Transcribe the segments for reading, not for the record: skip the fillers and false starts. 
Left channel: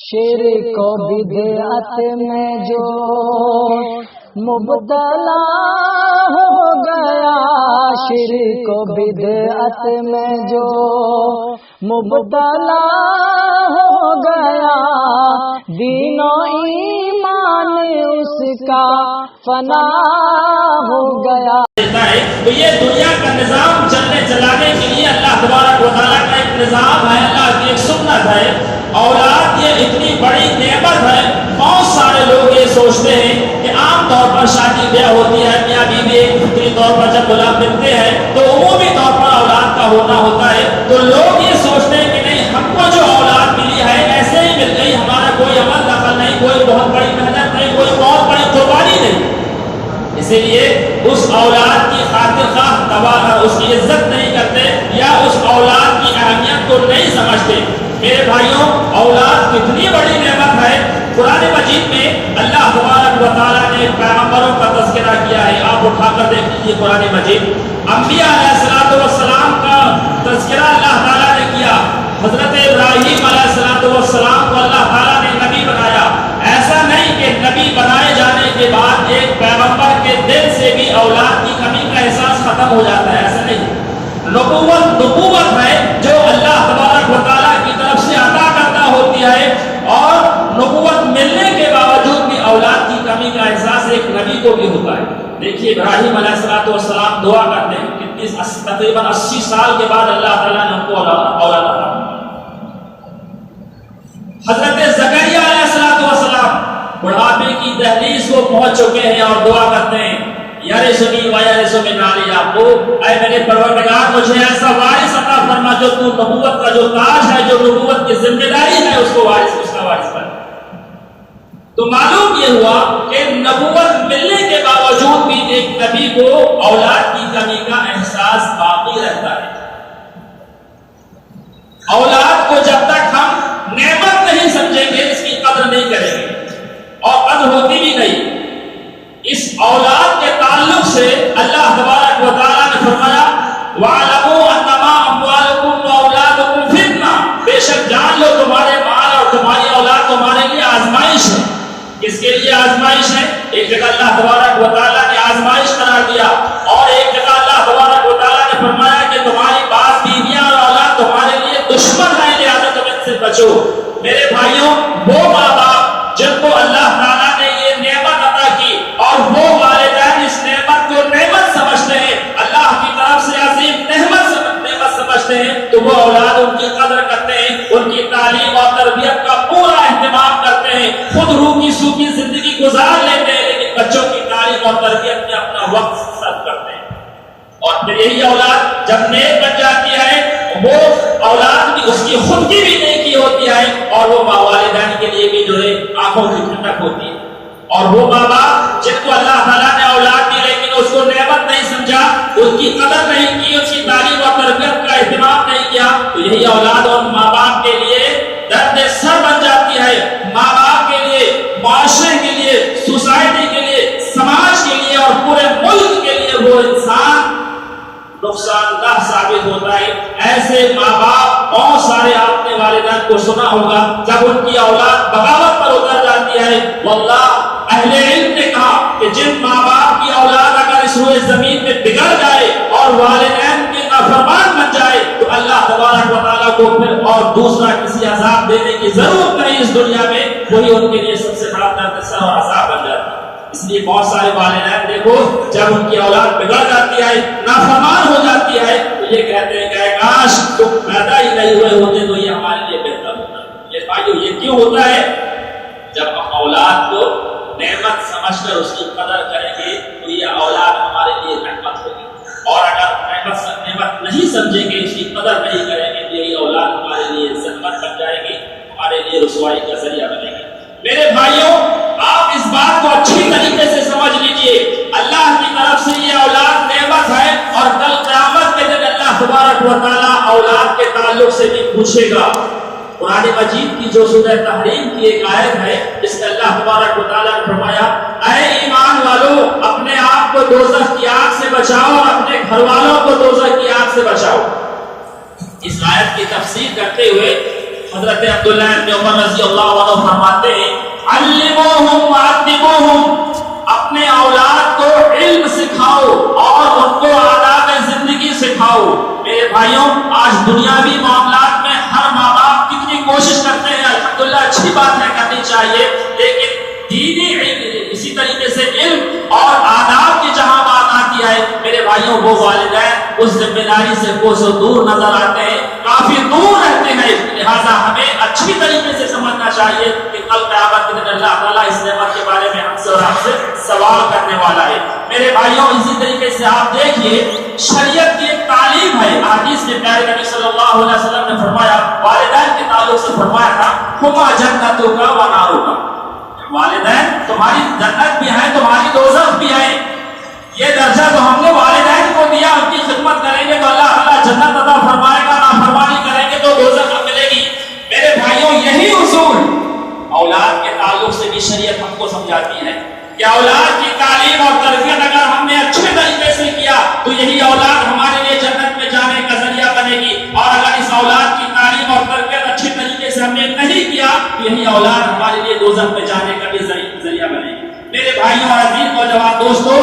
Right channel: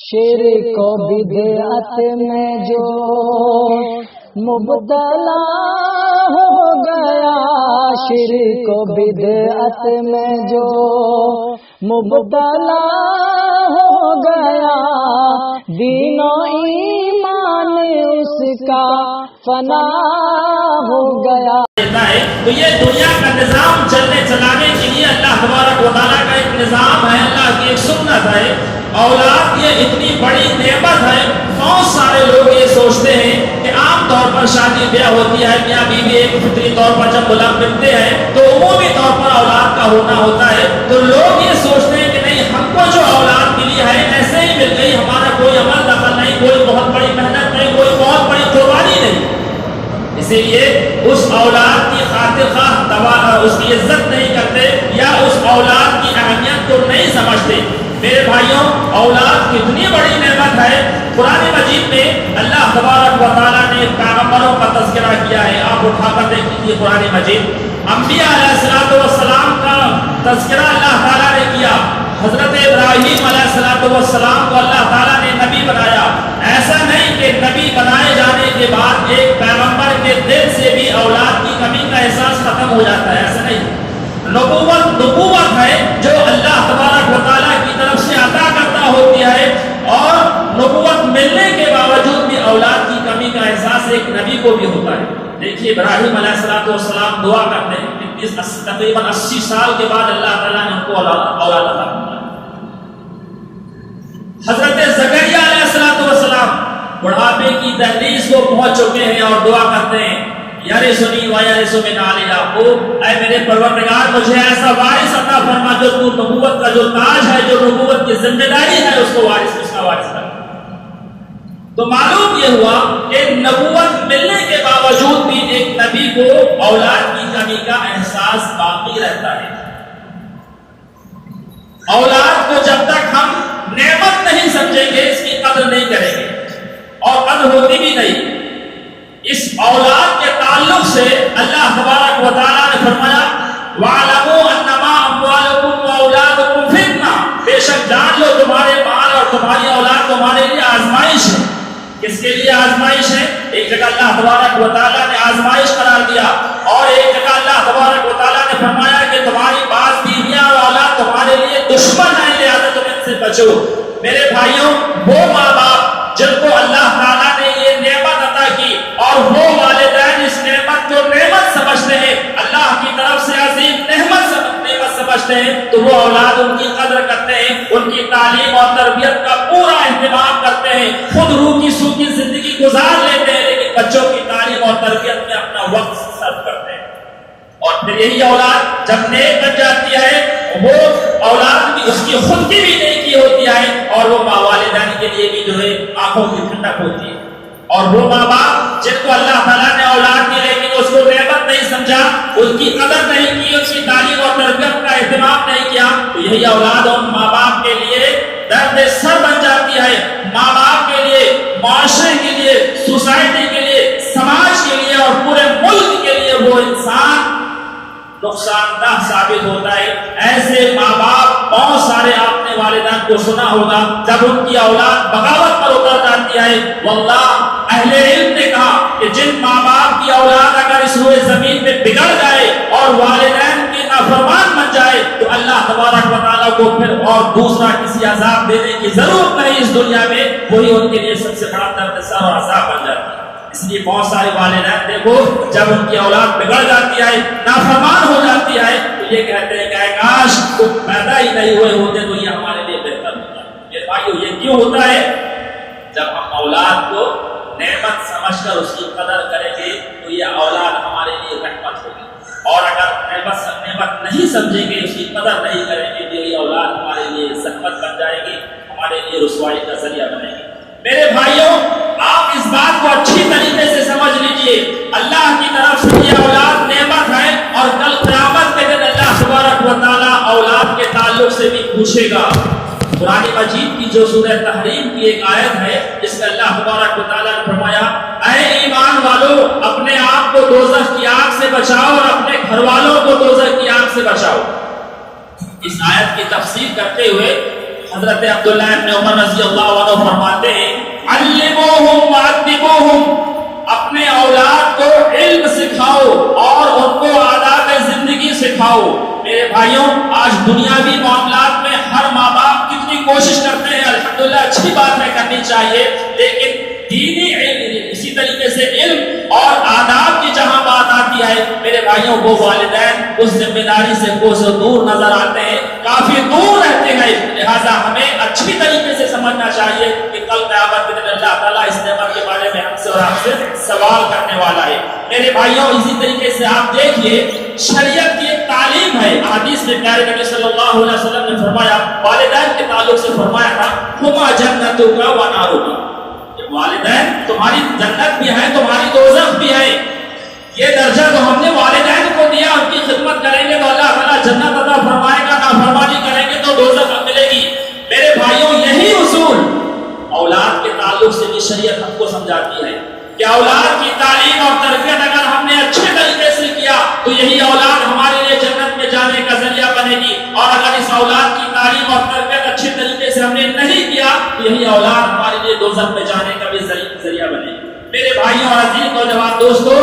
شرک و بدعت میں جو مبتلا ہو گیا، شرک و بدعت میں جو مبتلا ہو گیا، دین و ایمان اس کا فنا ہو گیا۔ تو یہ دنیا کا نظام چلنے چلانے کے لیے اللہ تبارک و تعالیٰ کا ایک نظام ہے، اللہ کی ایک سنت ہے۔ اولاد یہ اتنی بڑی نعمت ہے، بہت سارے لوگ یہ سوچتے ہیں کہ عام طور پر شادی بیاہ ہوتی ہے، میاں بیوی ایک فطری طور پر جب غلام بنتے ہیں تو عمومی طور پر اولاد کا ہونا ہوتا ہے، تو لوگ یہ سوچتے ہیں کہ نہیں، ہم کو جو اولاد ملی ہے ایسے ہی مل گئی، ہمارا کوئی عمل دخل نہیں، کوئی بہت بڑی محنت نہیں، کوئی بہت بڑی قربانی نہیں۔ اسی لیے اس اولاد کی خاطر خواہ اس کی عزت نہیں کرتے یا اس اولاد کی اہمیت کو نہیں سمجھتے۔ میرے بھائیوں، اولاد کتنی بڑی نعمت ہے۔ قرآن مجید میں اللہ تبارک و تعالیٰ نے پیغمبروں کا تذکرہ کیا ہے، آپ اٹھا کر دیکھ لیجیے قرآن مجید۔ انبیاء علیہ السلام کا تذکرہ اللہ تعالیٰ نے کیا۔ حضرت ابراہیم علیہ السلام کو اللہ تعالیٰ نے نبی بنایا۔ ایسا نہیں کہ نبی بنائے جانے کے بعد ایک پیغمبر کے دل سے بھی اولاد کی کمی کا احساس ختم ہو جاتا ہے، ایسا نہیں۔ نبوت ہے جو اللہ تبارک و تعالیٰ کی طرف سے عطا کرتا ہوتی ہے، اور نبوت ملنے کے باوجود بھی اولاد کی کمی کا احساس ایک نبی کو بھی ہوتا ہے۔ دیکھیے ابراہیم علیہ السلام دعا کرتے ہیں، تقریباً 80 سال کے بعد اللہ تعالیٰ نے ان کو اولاد عطا فرمایا۔ حضرت زکریا علیہ السلام بڑھاپے کی دہلیز کو پہنچ چکے ہیں اور دعا کرتے ہیں، یرثنی ویرث من آل یعقوب، اے میرے پروردگار مجھے ایسا وارث عطا فرما جو تو نبوت کا جو تاج ہے، جو نبوت کی ذمہ داری ہے، اس کو اس کا وارث کر۔ تو معلوم یہ ہوا کہ نبوت ملنے کے باوجود بھی ایک نبی کو اولاد کی کمی کا احساس باقی رہتا ہے۔ اولاد کو جب تک ہم نعمت نہیں سمجھیں گے، اس کی قدر نہیں کریں گے، اور قدر ہوتی بھی نہیں۔ اس اولاد کے تعلق سے اللہ تبارک و تعالیٰ نے فرمایا، وَاعْلَمُوا أَنَّمَا أَمْوَالُكُمْ وَأَوْلَادُكُمْ فِتْنَةٌ، بے شک جان لو تمہارے مال اور تمہاری اولاد تمہارے لیے آزمائش ہے۔ کس کے لیے آزمائش ہے؟ ایک جگہ اللہ تبارک و تعالیٰ نے آزمائش قرار دیا، اور ایک جگہ اللہ تبارک و تعالیٰ نے فرمایا کہ تمہاری بعض بیویاں اور اولاد تمہارے لیے دشمن ہے، لہذا تم ان سے بچو۔ میرے بھائیوں، وہ ماں باپ جن کو اللہ تعالیٰ نے یہ نعمت عطا کی، اور وہ والدین اس نعمت کو نعمت سمجھتے ہیں، اللہ کی طرف سے عظیم نعمت سمجھتے ہیں، تو وہ اولاد ان کی قدر کرتے ہیں، ان کی تعلیم اور تربیت کا پورا اہتمام کرتے ہیں، خود روکی سوکھی زندگی گزار لیتے ہیں، لیکن بچوں کی تعلیم اور تربیت میں اپنا وقت صرف کرتے ہیں۔ اور پھر یہی اولاد جب نیک بن جاتی ہے، وہ اولاد بھی اس کی خود کی بھی نیکی ہوتی ہے، اور وہ والدین کے لیے بھی جو ہے آنکھوں کی ٹھنڈک ہوتی ہے۔ اور وہ ماں باپ جن کو اللہ تعالیٰ نے اولاد دی لیکن اس کو نعمت نہیں سمجھا، اس کی قدر نہیں کی، اس کی تعلیم اور تربیت کا اہتمام نہیں کیا، تو یہی اولاد اور ماں باپ کے لیے درد سر بن جاتی ہے۔ ماں باپ کے لیے، معاشرے کے لیے، سوسائٹی کے لیے، سماج کے لیے اور پورے ملک کے لیے وہ انسان نقصان دہ ثابت ہوتا ہے۔ ایسے ماں باپ بہت سارے آپ نے والدین کو سنا ہوگا، جب ان کی اولاد بغاوت پر اتر جاتی ہے، واللہ اہل علم نے کہا کہ جن ماں باپ کی اولاد اگر اس روئے زمین میں بگڑ جائے اور والدین کے نافرمان بن جائے، تو اللہ تبارک و تعالیٰ کو پھر اور دوسرا کسی عذاب دینے کی ضرورت نہیں اس دنیا میں، وہی ان کے لیے سب سے بڑا درد سر اور عذاب بن جاتی ہے۔ اس لیے بہت سارے والدین دیکھو، جب ان کی اولاد بگڑ جاتی ہے، نافرمان ہو جاتی ہے، تو یہ کہتے ہیں کہ کاش تم پیدا ہی نہیں ہوئے ہوتے تو یہ ہمارے لیے بہتر ہوتا۔ یہ بھائیو، یہ کیوں ہوتا ہے؟ جب ہم اولاد کو نعمت سمجھ کر اس کی قدر کریں گے تو یہ اولاد ہمارے لیے رحمت ہوگی، اور اگر نعمت نہیں سمجھیں گے، اس کی قدر نہیں کریں گے، تو یہ اولاد ہمارے لیے زحمت بن جائے گی، ہمارے لیے رسوائی کا ذریعہ بنے گی۔ میرے بھائیوں، آپ اس بات کو اچھی طریقے سے سمجھ لیجئے، اللہ کی طرف سے یہ اولاد نعمت ہے، اور کل قیامت کے دن اللہ تبارک و تعالیٰ اولاد کے تعلق سے بھی پوچھے گا۔ قرآن مجید کی جو سورہ تحریم کی ایک آیت ہے، جس میں اللہ تبارک و تعالیٰ نے فرمایا، اے ایمان والو، اپنے آپ کو دوزخ کی آگ سے بچاؤ اور اپنے گھر والوں کو دوزخ کی آگ سے بچاؤ۔ اس آیت کی تفسیر کرتے ہوئے حضرت عبداللہ ابن عمر رضی اللہ عنہ فرماتے ہیں علموہم وعدبوہم، اپنے اولاد کو علم سکھاؤ اور ان کو آداب زندگی سکھاؤ۔ میرے بھائیوں، آج دنیاوی معاملات میں ہر ماں باپ کتنی کوشش کرتے ہیں، الحمدللہ اچھی بات ہے، کرنی چاہیے، لیکن دینی علم، اسی طریقے سے علم اور آداب کی جہاں بات آتی ہے میرے بھائیوں، وہ والدین اس ذمہ داری سے کوسوں دور نظر آتے ہیں، کافی دور رہتے ہیں۔ لہٰذا ہمیں اچھی طریقے سے سمجھنا چاہیے کہ کل قیامت کے دن اللہ تعالیٰ اس نعمت کے بارے میں ہم سے اور آپ سے سوال کرنے والا ہے۔ میرے بھائیوں، اسی طریقے سے آپ دیکھیے شریعت کی ایک تعلیم ہے، حدیث میں پیارے نبی صلی اللہ علیہ وسلم نے فرمایا، والدین کے تعلق سے فرمایا تھا ہما جنتک و نارک، والدین تمہاری جنت بھی ہے، تمہاری دوزخ بھی ہے۔ یہ درجہ جو ہم نے والدین کو دیا، ان کی خدمت کریں گے تو اللہ تعالیٰ جنت عطا فرمائے گا، نافرمانی کریں گے تو دوزخ ملے گی۔ میرے بھائیوں، یہی اصول اولاد کے تعلق سے بھی شریعت ہم کو سمجھاتی ہے کہ اولاد کی تعلیم اور تربیت اگر ہم نے اچھے طریقے سے کیا تو یہی اولاد ہمارے لیے جنت میں جانے کا ذریعہ بنے گی، اور اگر اس اولاد کی تعلیم اور تربیت اچھے طریقے سے ہم نے نہیں کیا تو یہی اولاد ہمارے لیے دوزخ میں جانے کا بھی ذریعہ بنے گی۔ میرے بھائیوں اور عزیز نوجوان دوستو،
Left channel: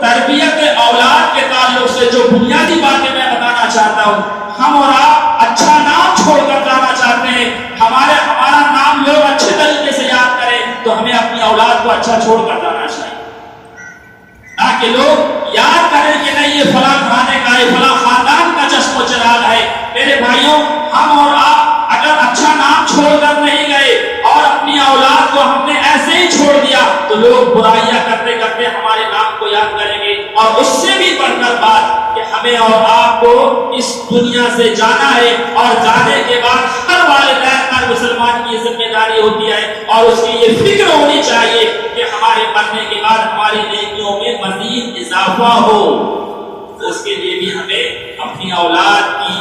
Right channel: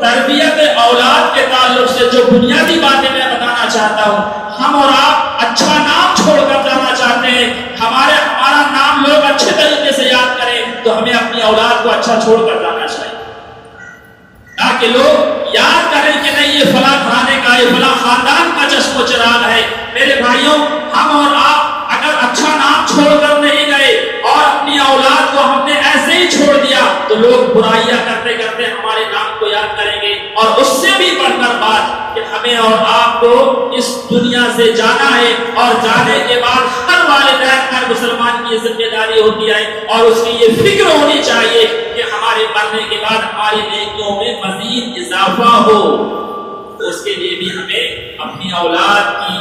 تربیت اولاد کے تعلق سے جو بنیادی باتیں میں بتانا چاہتا ہوں، ہم اور آپ اچھا نام چھوڑ کر جانا چاہتے ہیں، ہمارا نام لوگ اچھے طریقے سے یاد کریں تو ہمیں اپنی اولاد کو اچھا چھوڑ کر جانا چاہیے، تاکہ لوگ یاد کریں کہ نہیں یہ فلاں گھرانے کا، یہ فلاں خاندان کا چشم و چراغ ہے۔ میرے بھائیوں، ہم اور آپ اگر اچھا نام چھوڑ کر نہیں گئے اور اپنی اولاد کو ہم نے ایسے ہی چھوڑ دیا تو لوگ برائیاں کرتے کرتے ہمارے نام کو یاد کریں گے، اور اس سے بھی بڑھ کر بات کہ ہمیں اور آپ کو اس دنیا سے جانا ہے، اور جانے کے بعد ہر والدین ہر مسلمان کی ذمہ داری ہوتی ہے اور اس کی یہ فکر ہونی چاہیے کہ ہمارے مرنے کے بعد ہماری نیکیوں میں مزید اضافہ ہو، تو اس کے لیے بھی ہمیں اپنی اولاد کی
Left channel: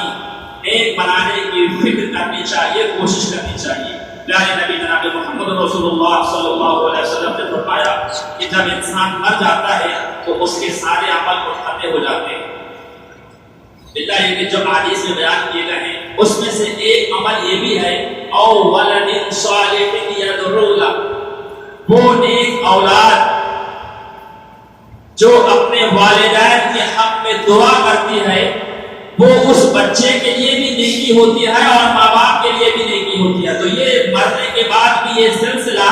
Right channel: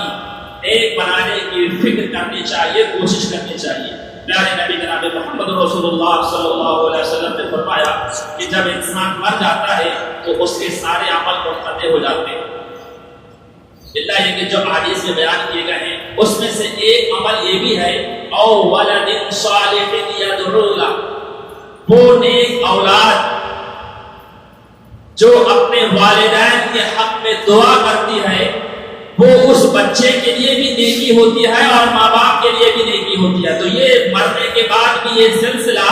نیک بنانے کی فکر کرنی چاہیے، کوشش کرنی چاہیے۔ پیارے نبی جناب محمد رسول اللہ صلی اللہ علیہ وسلم نے فرمایا کہ جب انسان مر جاتا ہے تو اس کے سارے عمل منقطع ہو جاتے ہیں، اللہ یہ کہ جو حدیث میں بیان کیے گئے ہیں اس میں سے ایک عمل یہ بھی ہے او ولد صالح یدعو لہ، وہ نیک اولاد جو اپنے والدین کے حق میں دعا کرتی ہے، وہ اس بچے کے لیے بھی نیکی ہوتی ہے اور ماں باپ کے لیے بھی نیکی ہوتی ہے۔ تو یہ مرنے کے بعد بھی یہ سلسلہ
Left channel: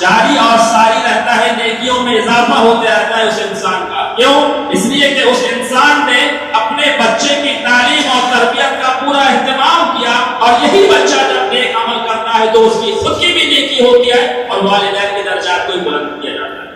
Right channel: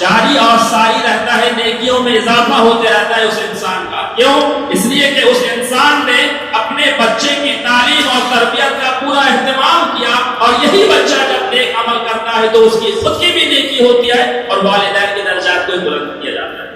جاری اور ساری رہتا ہے، نیکیوں میں اضافہ ہوتے رہتا ہے اس انسان کا۔ کیوں؟ اس لیے کہ اس انسان نے اپنے بچے کی تعلیم اور تربیت کا پورا اہتمام کیا، اور یہی بچہ جب نیک عمل کرتا ہے تو اس کی خود کی بھی نیکی ہوتی ہے اور والدین کے درجات کو بلند کیا جاتا ہے۔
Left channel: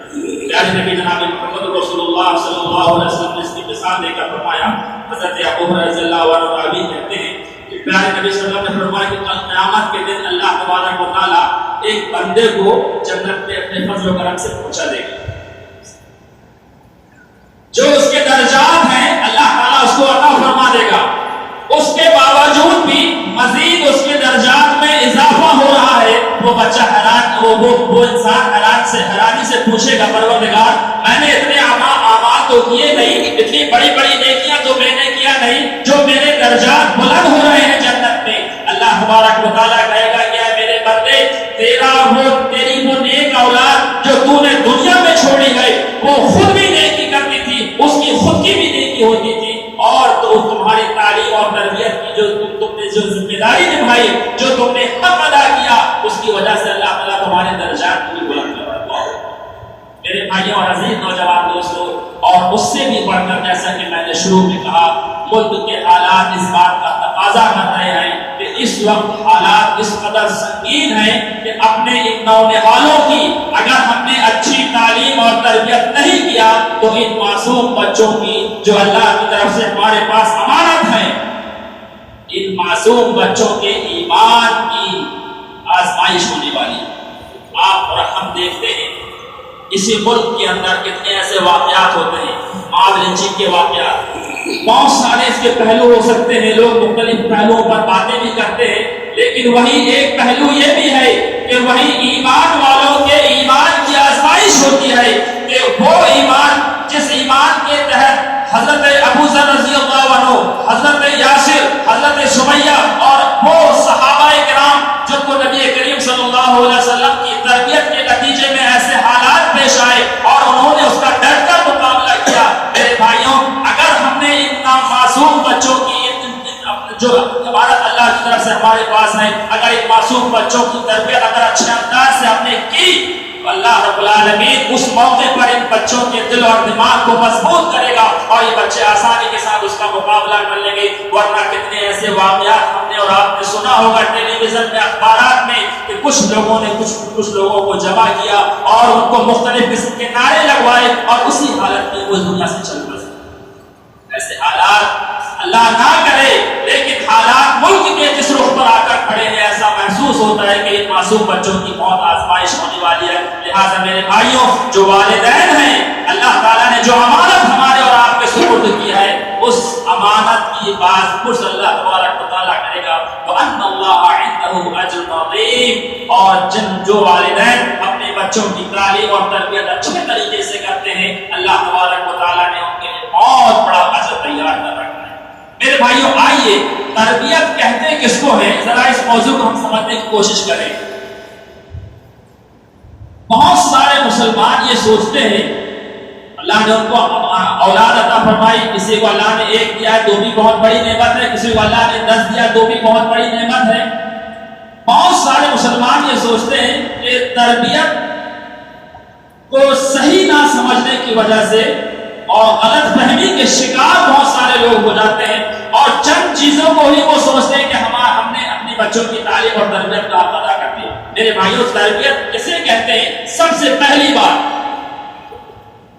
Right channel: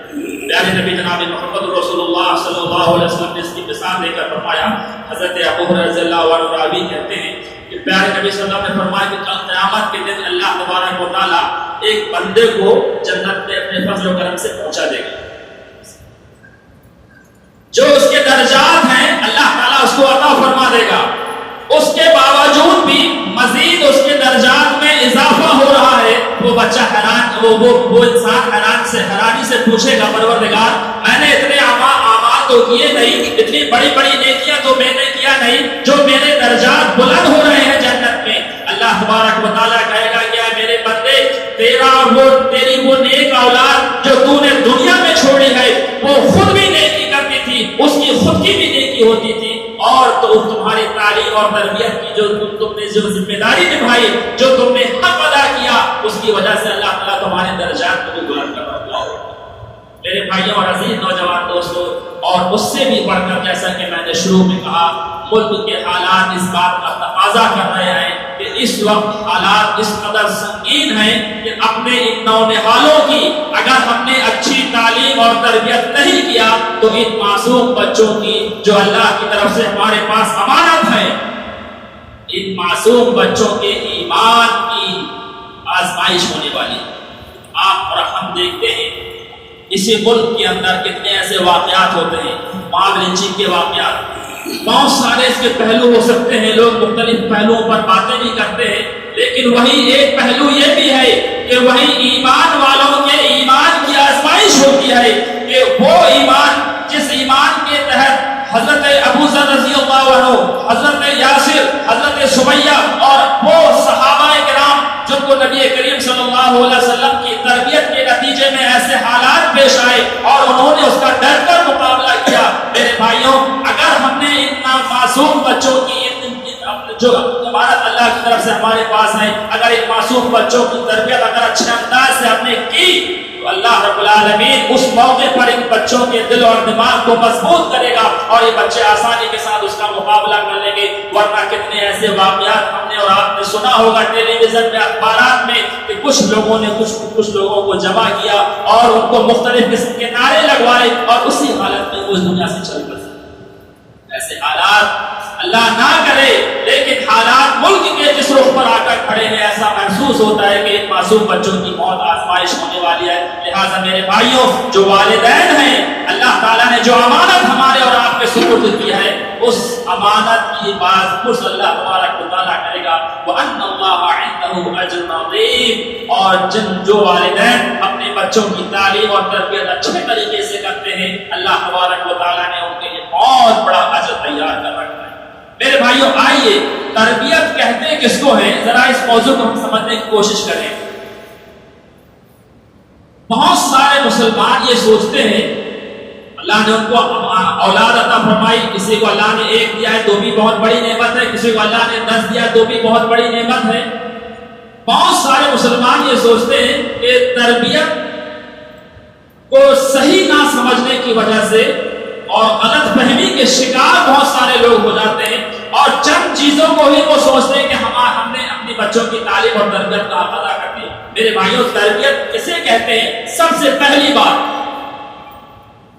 پیارے نبی جناب محمد رسول اللہ صلی اللہ علیہ وسلم نے اس کی مثال دے کر فرمایا، حضرت ابو ہریرہ رضی اللہ عنہ راوی کہتے ہیں کہ پیارے نبی صلی اللہ علیہ وسلم نے فرمایا کہ کل قیامت کے دن اللہ تبارک و تعالیٰ ایک بندے کو جنت میں اپنے فضل و کرم سے پہنچا دے گا، جو اس کے درجات ہیں اللہ تعالیٰ اس کو عطا فرما دے گا، اس کے باوجود بھی مزید اس کے درجات میں اضافہ ہو رہا ہے۔ وہ بچہ حیران، وہ انسان حیرانی سے پوچھے گا پروردگار میں نے اتنے اعمال تو کیے نہیں، اتنی بڑی بڑی نیکیاں تو میں نے کیا نہیں جو میرے درجات بلند ہو رہے ہیں جنت میں۔ اللہ تبارک و تعالیٰ کہے گا کہ اے میرے بندے، تیری وہ نیک اولاد جو تو نے دنیا میں چھوڑی ہے وہ خود بھی نیکی کرتی تھی، اس کی خود کی بھی نیکی ہوتی تھی، اور تو تمہاری تعلیم اور تربیت کی جو تم نے جو ذمہ داری نبھائی، جو تم نے حق ادا کیا، اس کی وجہ سے اللہ تعالیٰ تمہارے درجات کو بھی بلند کر رہا ہے۔ میرے بھائیوں اور عزیز نوجوان دوستوں، اور اس سے بھی بڑھ کر جیسا کہ میں نے شروع میں کہا، ملک کے حالات اس بات کا تقاضا کر رہے ہیں کہ اس وقت حالات اس قدر سنگین ہیں کہ اپنے ان نونہالوں کی اگر ہم نے اچھی تعلیم اور تربیت نہیں کیا تو ان معصوم بچوں کی جو اللہ کی طرف سے ہمارے پاس امانت ہے، ان معصوم بچوں کے ایمان کی آزمائش ہونے والی۔ آپ اور ہم دیکھتے ہیں اسی ملک کے اندر کتنے ایسے واقعات ہوتے ہیں، موب لنچنگ کے واقعات، بہت سارے اس کے پہلو ہو سکتے ہیں، لوگ مختلف پہلوؤں پر باتیں بھی کرتے ہیں، لیکن وہی ایک پہلو یہ بھی ہے کہ وہی ایمان والوں کے ایمان کی آزمائش ہوتی ہے کہ وہ ایمان جس ایمان کے تحت حضرت ابو ذر رضی اللہ عنہ، حضرت یاسر، حضرت سمیہ اور وہ صحابہ کرام کو نبی کریم صلی اللہ علیہ وسلم کی تربیت کے نتیجے میں ایسے حالات پیش آئے اور انہوں نے اس کا ڈٹ کر مقابلہ کیا. میرے بھائیوں، اگر ہم نے اتنا معصوم بچوں کی جو عبارت اللہ کی طرف سے ہمارے پاس ہے، اگر ان معصوم بچوں کی تربیت اگر اچھے انداز سے ہم نے کی تو اللہ رب العالمین اس موقع پر ان بچوں کے دل اور دماغ کو مضبوط کرے گا اور یہ بچے آسانی کے ساتھ اس کا مقابلہ کر لیں گے. ورنہ کتنے ایسے واقعات ہم نے اور آپ نے سنا ہوگا ٹیلی ویژن میں، اخبارات میں، کہ کچھ لوگوں نے کچھ لوگوں کو جمع کیا اور ان کو مختلف قسم کے نعرے لگوائے اور اسی حالت میں وہ دنیا سے چل بسے. ایسے حالات اللہ نہ کرے، لیکن حالات ملک کے جس رخ پر آ کر کھڑے ہیں ایسا محسوس ہوتا ہے کہ ان معصوم بچوں کی موت آزمائش ہونے والی ہے. لہٰذا میرے بھائیوں، جو والدین ہیں، اللہ تعالیٰ نے جو امانت ہمارے اور آپ کے سپرد کی ہے، اس امانت کی باز پرس اللہ تبارک و تعالیٰ کرے گا. وَأَنَّ اللَّهَ عِندَهُ أَجْرٌ عَظِيمٌ. اور جو والدین اپنے بچوں کی تعلیم اور تربیت اچھے طریقے سے کرتے ہیں، اللہ تبارک و تعالیٰ نے ان کے لیے بہت بڑا اجر تیار کر رکھا ہے. میرے بھائیوں، آئیے تربیت کہتے کس کو ہے، ذرا اس موضوع کو ہم سمجھنے کی کوشش کریں. بہت سارے مسلمان یہ سوچتے ہیں اللہ نے ان کو اولاد عطا فرمائی، کسی کو اللہ نے 1 دیا ہے تو بھی بہت بڑی نعمت ہے، کسی کو اللہ نے 10 دیا تو بھی بہت بڑی نعمت ہے. بہت سارے مسلمان یہ سوچتے ہیں کہ تربیت کو صحیح نہ سمجھنے کی وجہ سے اور غلط فہمی کے شکار بہت سارے لوگ ہو جاتے ہیں اور چند چیزوں کو ہی وہ سوچتے ہیں کہ ہم نے اپنی بچوں کی تعلیم اور تربیت کا حق ادا کر دیا. میرے بھائیوں، تربیت کسے کہتے ہیں؟ سب سے پہلی بات،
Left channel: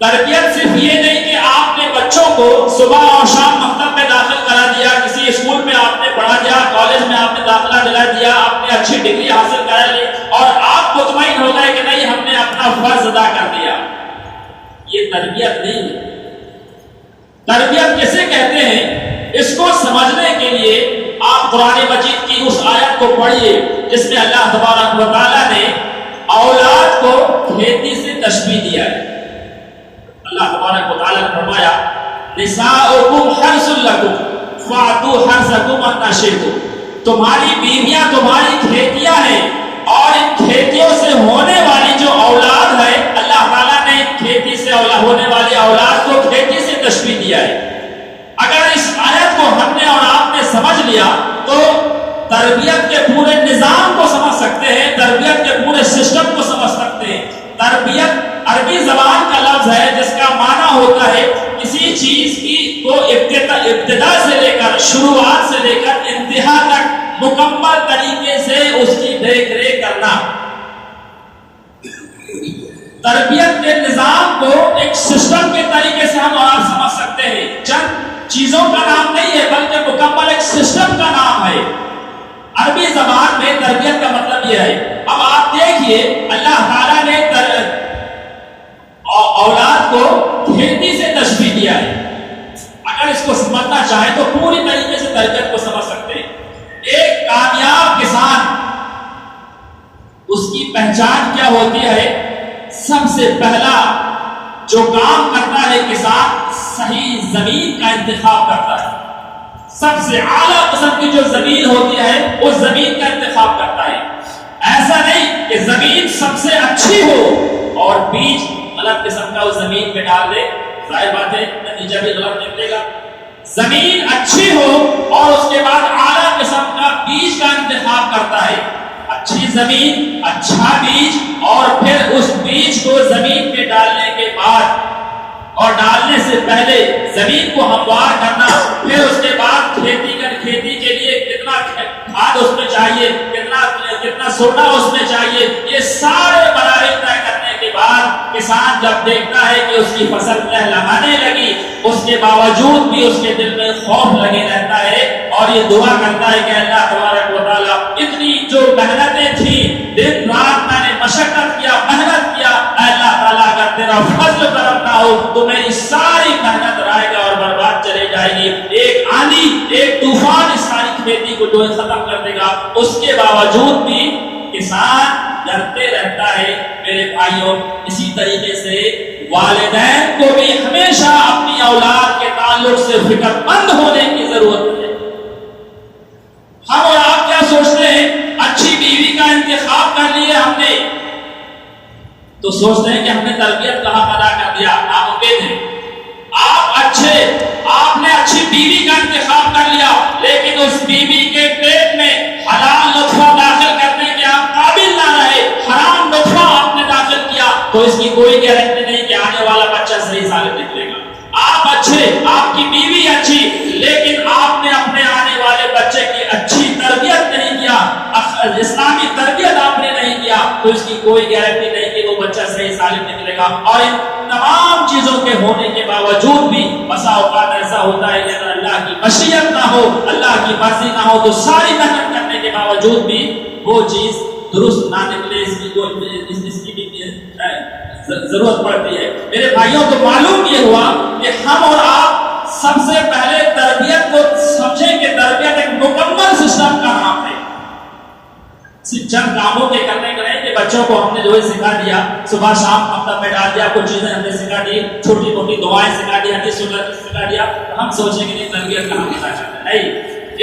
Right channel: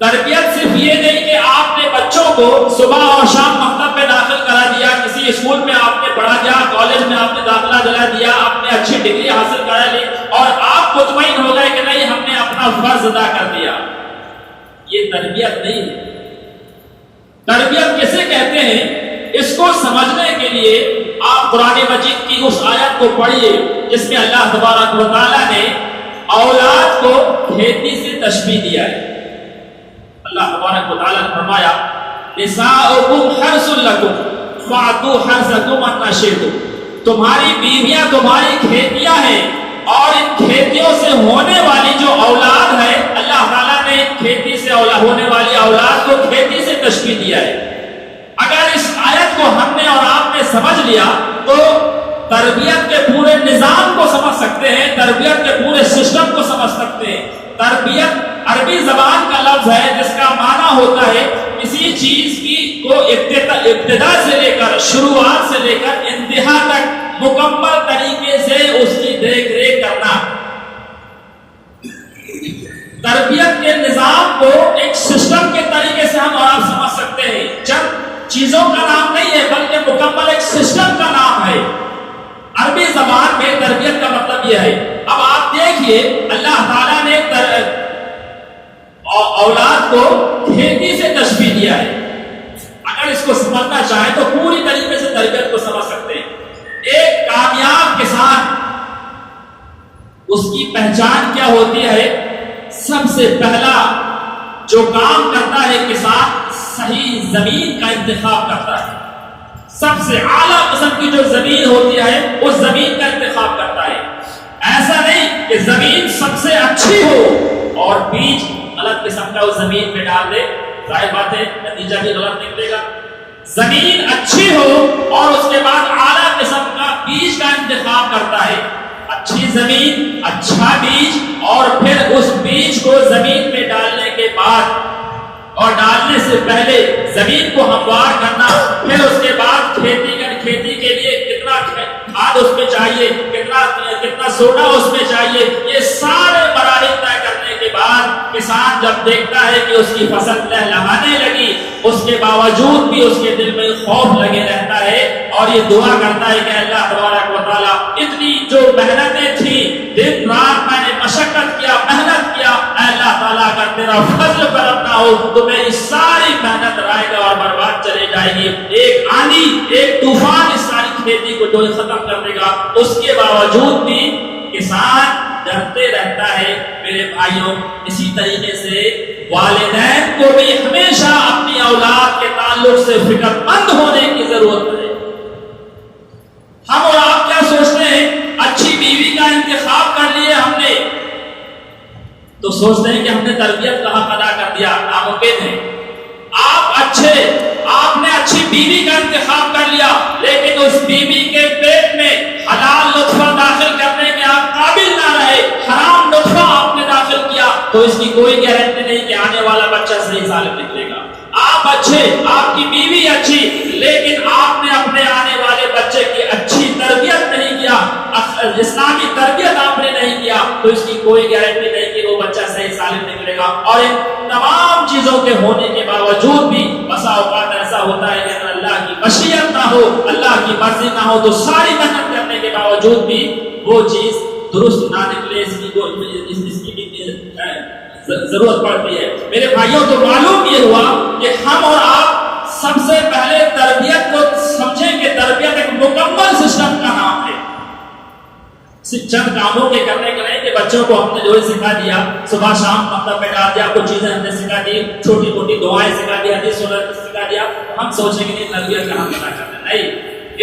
تربیت صرف یہ نہیں کہ آپ نے بچوں کو صبح اور شام مکتب میں داخل کرا دیا، کسی اسکول میں آپ نے پڑھا دیا، کالج میں آپ نے داخلہ دلا دیا، آپ نے اچھی ڈگری حاصل کرا لی اور آپ مطمئن ہو گئے کہ نہیں ہم نے اپنا فرض ادا کر دیا. یہ تربیت نہیں ہے. تربیت کسے کہتے ہیں؟ اس کو سمجھنے کے لیے آپ قرآن مجید کی اس آیت کو پڑھیے جس میں اللہ تبارک و تعالیٰ نے اولاد کو کھیتی سے تشبیہ دیا ہے. اللہ تبارک و تعالیٰ نے فرمایا نساؤکم حرث لکم فأتوا حرثکم متى شئتم. تمہاری بیویاں تمہاری کھیتیاں ہیں اور ان کھیتیوں سے ہونے والی جو اولاد ہے، اللہ تعالیٰ نے کھیتی سے ہونے والی اولاد کو کھیتی سے تشبیہ دیا ہے. اگر اس آیت کو ہم نے اور آپ نے سمجھ لیا تو تربیت کے پورے نظام کو سمجھ سکتے ہیں، تربیت کے پورے سسٹم کو سمجھ سکتے ہیں. تربیت عربی زبان کا لفظ ہے جس کا معنی ہوتا ہے کسی چیز کی کو ابتدا سے لے کر، شروعات سے لے کر انتہا تک مکمل طریقے سے اس کی دیکھ ریکھ کرنا. تربیت کے نظام کو ایک سسٹم کے طریقے سے ہم آپ سمجھ سکتے ہیں. چند چیزوں کا نام نہیں ہے بلکہ مکمل ایک سسٹم کا نام ہے. عربی زبان میں تربیت کا مطلب یہ ہے. اب آپ دیکھیے اللہ تعالیٰ نے اولاد کو کھیتی سے تشبیہ دیا ہے. اگر اس کو سمجھنا چاہیں تو پوری طریقے سے تربیت کو سمجھ سکتے ہیں. ایک کامیاب کسان، اس کی پہچان کیا ہوتی ہے؟ سب سے پہلا جو کام کرتا ہے کسان، صحیح زمین کا انتخاب کرتا ہے. سب سے اعلیٰ قسم کی جو زمین ہوتی ہے اس زمین کا انتخاب کرتا ہے. ایسا نہیں کہ زمین سب سے اچھی ہو اور بیج غلط قسم کا اس زمین پہ ڈال دے، ظاہر بات ہے نتیجہ بھی غلط نکلے گا. زمین اچھی ہو اور اس کے بعد اعلیٰ قسم کا بیج کا انتخاب کرتا ہے. اچھی زمین، اچھا بیج اور پھر اس بیج کو زمین پہ ڈالنے کے بعد اور ڈالنے سے پہلے زمین کو ہموار کرنا، پھر اس کے بعد کھیتی کے لیے کتنا کھاد اس میں چاہیے، کتنا سوڈا اس میں چاہیے، یہ سارے مراحل طے کرنے کے بعد کسان جب دیکھتا ہے کہ اس کی فصل لہلہانے لگی، اس کے باوجود بھی اس کے دل میں خوف لگے رہتا ہے اور یہ دعا کرتا ہے کہ اللہ تبارک و تعالیٰ اتنی جو محنتیں تھیں، دن رات میں نے مشقت کیا، محنت کیا، اے اللہ تعالیٰ اگر تیرا فضل کرم نہ ہو تو میری ساری محنت رائے گا اور برباد چلے جائے گی. ایک آندھی، ایک طوفان اس ساری کھیتی کو جو ختم کر دے گا. اس کے باوجود بھی کسان ڈرتے رہتا ہے. میرے بھائیوں، اسی طریقے سے والدین کو بھی ہمیشہ اپنی اولاد کے تعلق سے فکر مند ہونے کی ضرورت ہے. ہم اور آپ کیا سوچتے ہیں؟ اچھی بیوی کا کر لیے ہم نے تو سوچتے ہیں کہ ہم نے تربیت کا حق ادا کر دیا. ناممکن ہے. آپ نے اچھی بیوی کا انتخاب کر لیا لیکن اس بیوی کے پیٹ میں حلال نطفہ داخل کرنے میں آپ قابل نہ رہے, حرام نطفہ آپ نے داخل کیا, تو اس کی کوئی گارنٹی نہیں کہ آنے والا بچہ صحیح سالم نکلے گا. آپ اچھے, آپ کی بیوی اچھی, لیکن آپ نے اپنے آنے والے بچے کی اچھی تربیت نہیں کیا, اسلامی تربیت آپ نے نہیں کیا, تو اس کی کوئی گارنٹی نہیں کہ وہ بچہ صحیح سالم نکلے گا. اور ان تمام چیزوں کے ہونے کے باوجود بھی بسا اوقات ایسا ہوتا ہے کہ اگر اللہ کی مشیت نہ ہو, اللہ کی مرضی نہ ہو, تو ساری محنت کرنے کے باوجود بھی وہ چیز درست نہ نکلے. اس کی بھی ضرورت پڑتی ہے. میرے بھائیوں, تو معلوم یہ ہوا کہ ہم اور آپ سب سے پہلے تربیت کو سمجھیں کہ تربیت ایک مکمل سسٹم کا نام ہے. صرف چند کاموں کے کرنے کے نہیں کہ بچوں کو ہم نے جو سکھا دیا, صبح شام مکتب میں ڈال دیا, کچھ چیزیں ہم نے سکھا دی, چھوٹی موٹی دعائیں سکھا دی, حدیث سکھا دیا, ہم سوچیں گے نہیں تربیت کا ہم کیا کرنا ہے.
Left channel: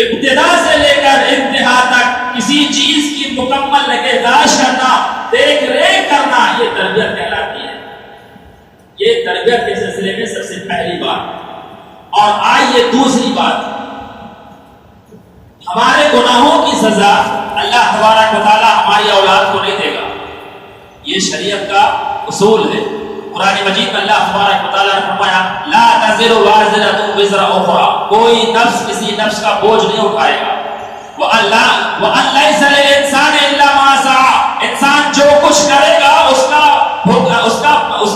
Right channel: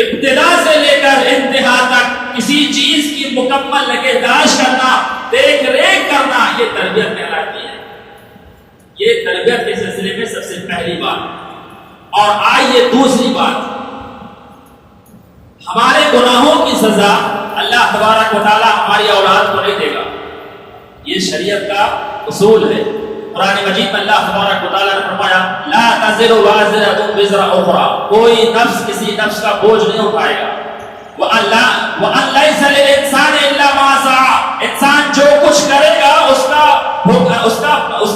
ابتدا سے لے کر انتہا تک کسی چیز کی مکمل نگہداشت کرنا, دیکھ ریکھ کرنا, یہ تربیت کہلاتی ہے. یہ تربیت کے سلسلے میں سب سے پہلی بات. اور آئیے دوسری بات, ہمارے گناہوں کی سزا اللہ تبارک و تعالی ہماری اولاد کو نہیں دے گا. یہ شریعت کا اصول ہے. قرآن مجید میں اللہ تبارک و تعالی نے فرمایا لا تزر وازرۃ وزر اخرى, کوئی نفس کسی نفس کا بوجھ نہیں اٹھائے گا. وَأَن لَيْسَ لِلْإِنسَانِ إِلَّا مَا سَعَى, انسان جو کچھ کرے گا اس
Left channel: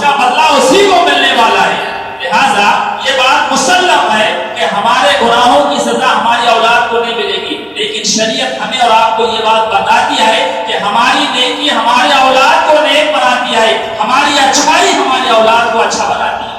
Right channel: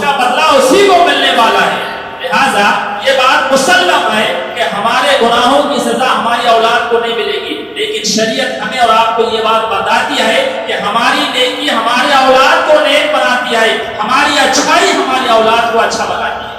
کا بدلہ اسی کو ملنے والا ہے. لہذا یہ بات مسلم ہے کہ ہمارے گناہوں کی سزا ہماری اولاد کو نہیں ملے گی, لیکن شریعت ہمیں اور آپ کو یہ بات بتاتی ہے کہ ہماری نیکی ہمارے اولاد کو نیک بناتی ہے, ہماری اچھائی ہماری اولاد کو اچھا بناتی ہے.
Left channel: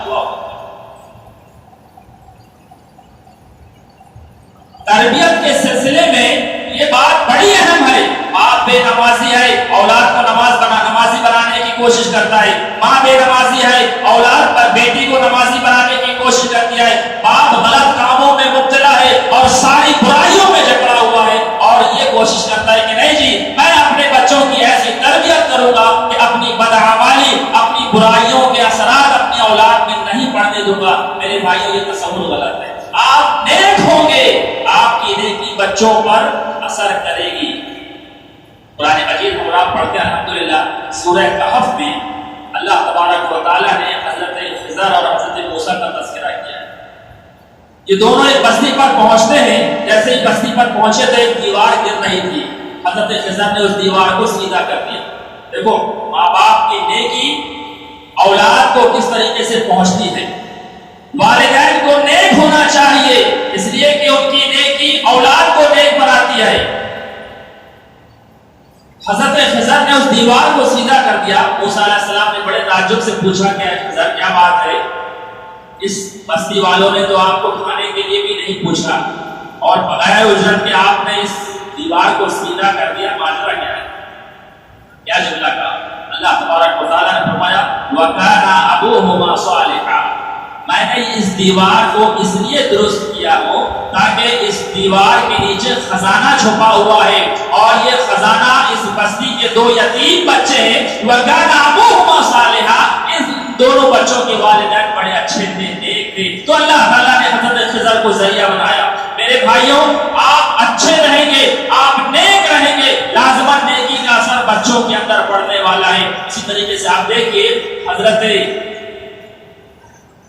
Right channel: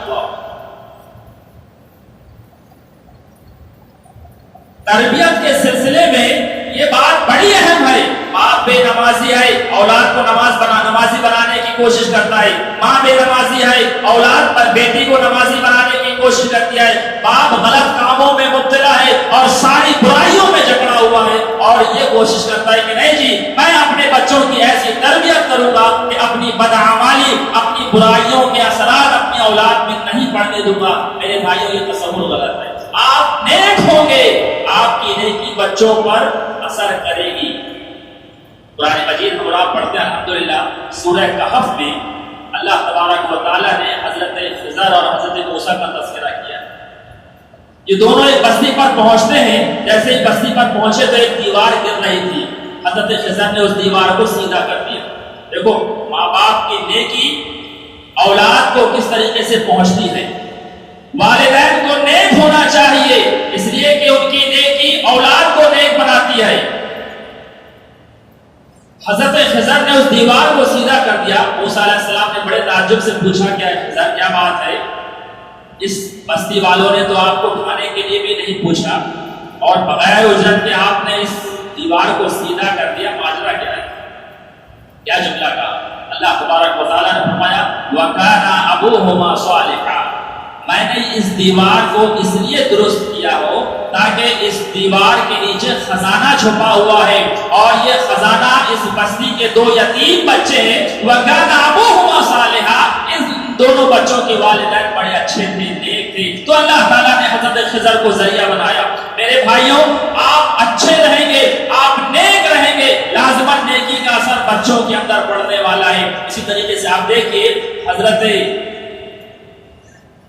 تربیت کے سلسلے میں یہ بات بڑی اہم ہے. باپ بے نمازی ہے, اولاد کو نمازی بنانے کی کوشش کرتا ہے. ماں بے نمازی ہے, اولاد پر بیٹی کو نمازی بنانے کی کوشش کرتی ہے. باپ غلط کاموں میں مبتلا ہے اور ساری برائیوں میں جکڑا ہوا ہے اور یہ کوشش کرتا ہے کہ نہیں جی میں اپنے بچوں کی ایسی تربیت کروں گا کہ اپنی بدعمالی, اپنی برائیوں کے اثرات اپنی اولاد میں نہیں پڑنے دوں گا. میرے بھائیوں, یہ تصور غلط ہے. آپ نیک ہوں گے, آپ کی نیکی بچوں پر اثر کرے گی. قرآن مجید ہم آپ پڑھتے ہیں الحمدللہ سورہ کہف میں اللہ تبارک و تعالیٰ نے حضرت خضر اور حضرت موسیٰ کا تذکرہ کیا. یہ دونوں ایک بستی پر پہنچتے ہیں. جیسے ہی بستی پر پہنچے تو ایک دیوار گر رہی تھی. حضرت خضر نے اس دیوار کو سیدھا کر دیا. دیکھو ماں باپ کی نیکی اولاد کو کس طریقے سے پہنچتی ہے. والدین کو نیک ہونا چاہیے اس لیے کہ ان کی نیکی اولاد کو نیک بناتی ہے. حضرت خضر نے اس دیوار کو سیدھا کر دیا. موسیٰ علیہ السلام نے بڑے تعجب سے پوچھا کہ خضر کیا بات ہے, اس بستی والوں نے تو آپ کو کھانے کے لیے بھی نہیں پوچھا اور بغیر اجرت کے آپ نے اس دیوار کو سیدھا کر دیا, ماجرا کیا ہے؟ کیا جملہ کہا؟ اللہ تبارک و تعالیٰ نے فرمایا وَكَانَ أَبُوهُمَا صَالِحًا, میں نے اس دیوار کو اس لیے درست کیا ہو تاکہ اس دیوار کے نیچے خزانہ چھپا ہوا ہے اور یہ خزانہ اس بستی کے دو یتیم بچے ہیں. وَكَانَ أَبُوهُمَا صَالِحًا, اس دونوں بچوں کے والدین بڑے اچھے تھے, نیک تھے, تو اللہ تعالیٰ نے حضرت خضر کو ذریعہ بنایا. میرے بھائیوں, آپ اچھے رہیں گے, آپ نیک رہیں گے, لازماً نیکی کا اثر بچوں کے اندر پڑنے والا ہے. اسی طریقے سے آپ دیکھیے حضرت